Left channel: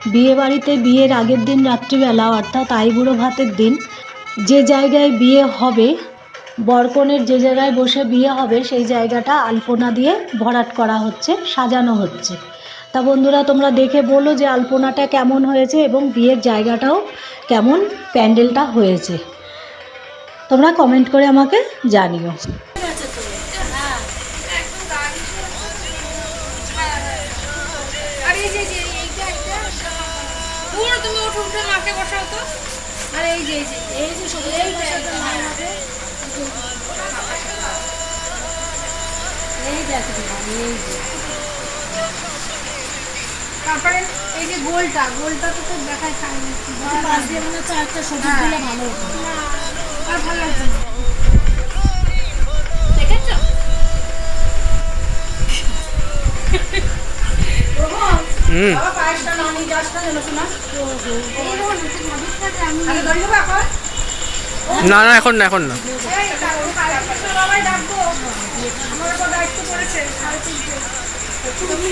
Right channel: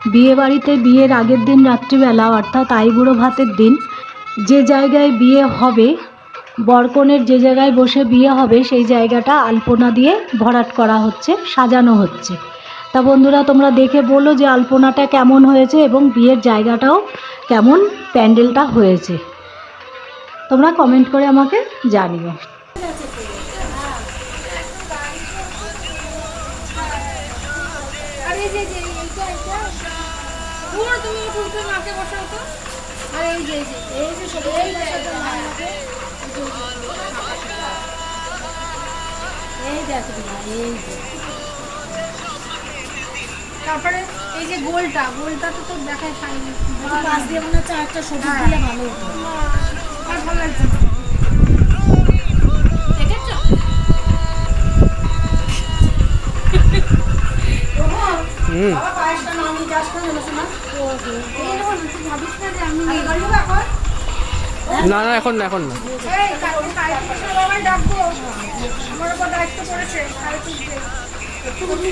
বিয়ে বাড়িতে বিয়ের আগের দিন রাত্রিবেলা, অর্থাৎ আইবুড়ো ভাতের দিন, যে জায়গায় বিয়ে হবে, বরকনের যে জায়গায় বসে বিয়ে হবে, সেই জায়গাটা আলপনা দিয়ে ভরাট করা হচ্ছে, সাজানো হচ্ছে। তা বন্ধুরা, তোমরা দেখে বলো যে আলপনাটা কেমন হয়েছে এবং বিয়ের জায়গাটাও কেমন প্যান্ডেলটা হয়েছে। তোমরা কমেন্ট করে আমাকে জানিও আর এই যে যে এইটা এইটা পুরো তুমি ওঠো উঠে মাকে বসাও তো। আর এই যে এই যে এই যে এই দেখো এই যে। তারপরে এই যে গোলটা গোলটা তো তো দেখায় খায়নি পাশ দিয়ে মনে হচ্ছে একটা সবুজ দিলে ভালো হতো। আর ভালো লাগছে না। দেখেছ? হুম। না না এখন না এখন না। আমার উপর দায়িত্ব পড়েছে তুমি